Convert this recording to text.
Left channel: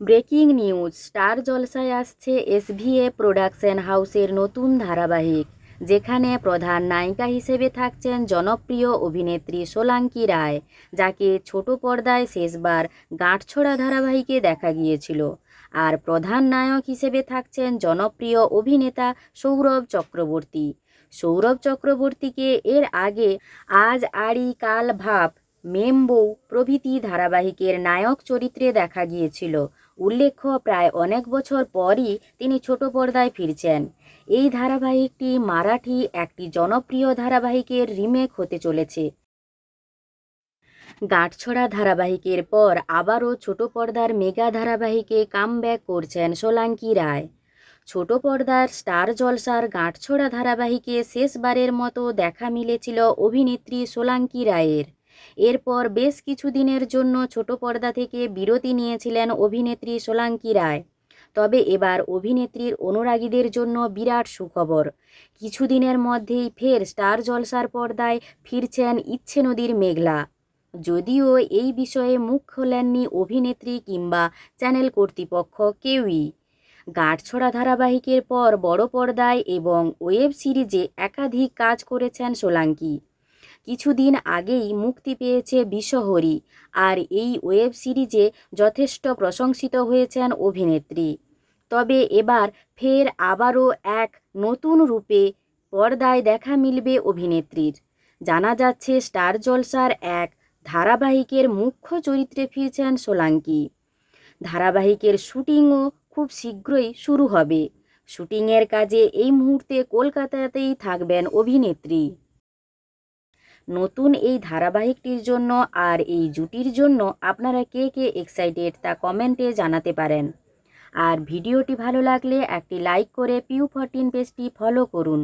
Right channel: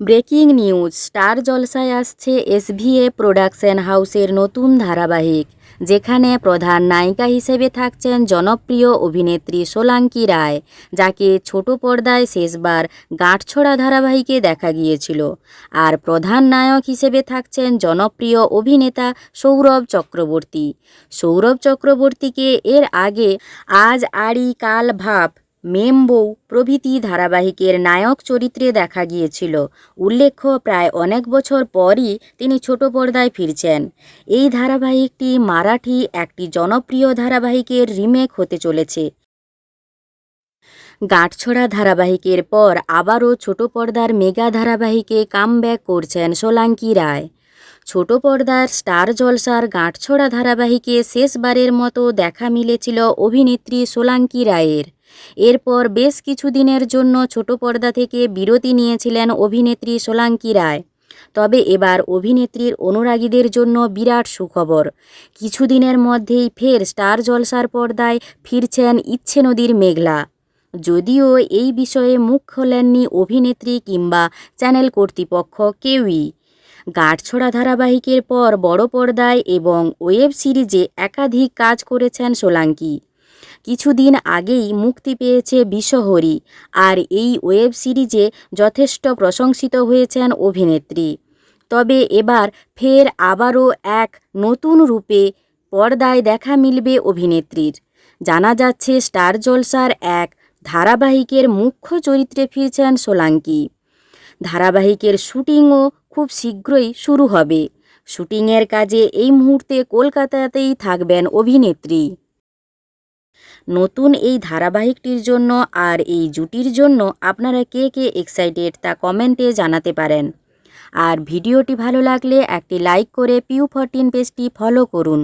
Breaking news, star জলসায় আসছে এসভিএ production হাউসের নতুন ধারাবাহিক, যেখানে প্রধান নায়িকা হিসেবে থাকছেন জনপ্রিয় অভিনেত্রী সোলাঙ্কি রায়, যাকে ছোট পর্দায় শেষবার গাঁটছড়া ধারাবাহিকে দেখা গিয়েছিল। আর প্রধান নায়ক হিসেবে থাকছেন জনপ্রিয় অভিনেতা সৌরভ চক্রবর্তী। সৌরভ চক্রবর্তীকে এর আগে আজ আড়ি কাল ভাব মেম বউ প্রভৃতি ধারাবাহিকের নায়ক চরিত্রে দেখা গিয়েছিল। উল্লেখ্য, প্রায় অনেক বছর পরই তিনি ছোট পর্দায় ফিরছেন। এই ধারাবাহিকটি মারাঠি একটি জনপ্রিয় ধারাবাহিকের রিমেক হতে চলেছে। গাঁটছড়া ধারাবাহিকের পর আবারও ছোট পর্দার মেগা ধারাবাহিকে কামব্যাক করছেন সোলাঙ্কি রায়। ছোট পর্দার স্টার জলসার গাঁটছড়া ধারাবাহিকে শেষবারের মতো দেখা মিলেছিল অভিনেত্রী সোলাঙ্কি রায়ের। এরপর বেশ কিছুদিনের জন্য ছোট পর্দা থেকে বিরতি নিয়েছিলেন অভিনেত্রী সোলাঙ্কি রায়। তবে এবার অভিনেত্রীর অনুরাগীদের জন্য বিরাট সুখবর। কিছুদিনের মধ্যেই ফের স্টার জলসার পর্দায় ফিরছেন ইচ্ছে নদীর মেঘলা। যদিও এই বিষয়ে মুখ খোলেননি অভিনেত্রী কিংবা চ্যানেল কর্তৃপক্ষ কেউই। গাঁটছড়া ধারাবাহিকের পর বড় পর্দায় এবং ওয়েব সিরিজে একাধিক কাজ করেছেন সোলাঙ্কি। কিছুদিন আগেই মুক্তি পেয়েছে বিশ্বহরি আর এই ওয়েব সিরিজে যথেষ্ট প্রশংসিত হয়েছেন অভিনেত্রী। তবে এবার ফের আবারও এক নতুন রূপে পর্দায় দেখা মিলবে অভিনেত্রীর। জানা যাচ্ছে, স্টার জলসার এক ধারাবাহিকের মুখ্য চরিত্রে ফিরছেন সোলাঙ্কি। ধারাবাহিকের শুটিংও খুব শীঘ্রই শুরু হবে। শুটিংয়ের কাজে এই মুহূর্তে কলকাতাতেই থাকবেন অভিনেত্রী। নতুন এই ধারাবাহিকটির জন্য আর এই জুটির জন্য আপনারা কে কে এক্সাইটেড তা কমেন্টে জানাতে পারেন। আর ভিডিওটি ভালো লাগলে একটি লাইক করে পিউ ফরটিন পেজটি ফলো করুন।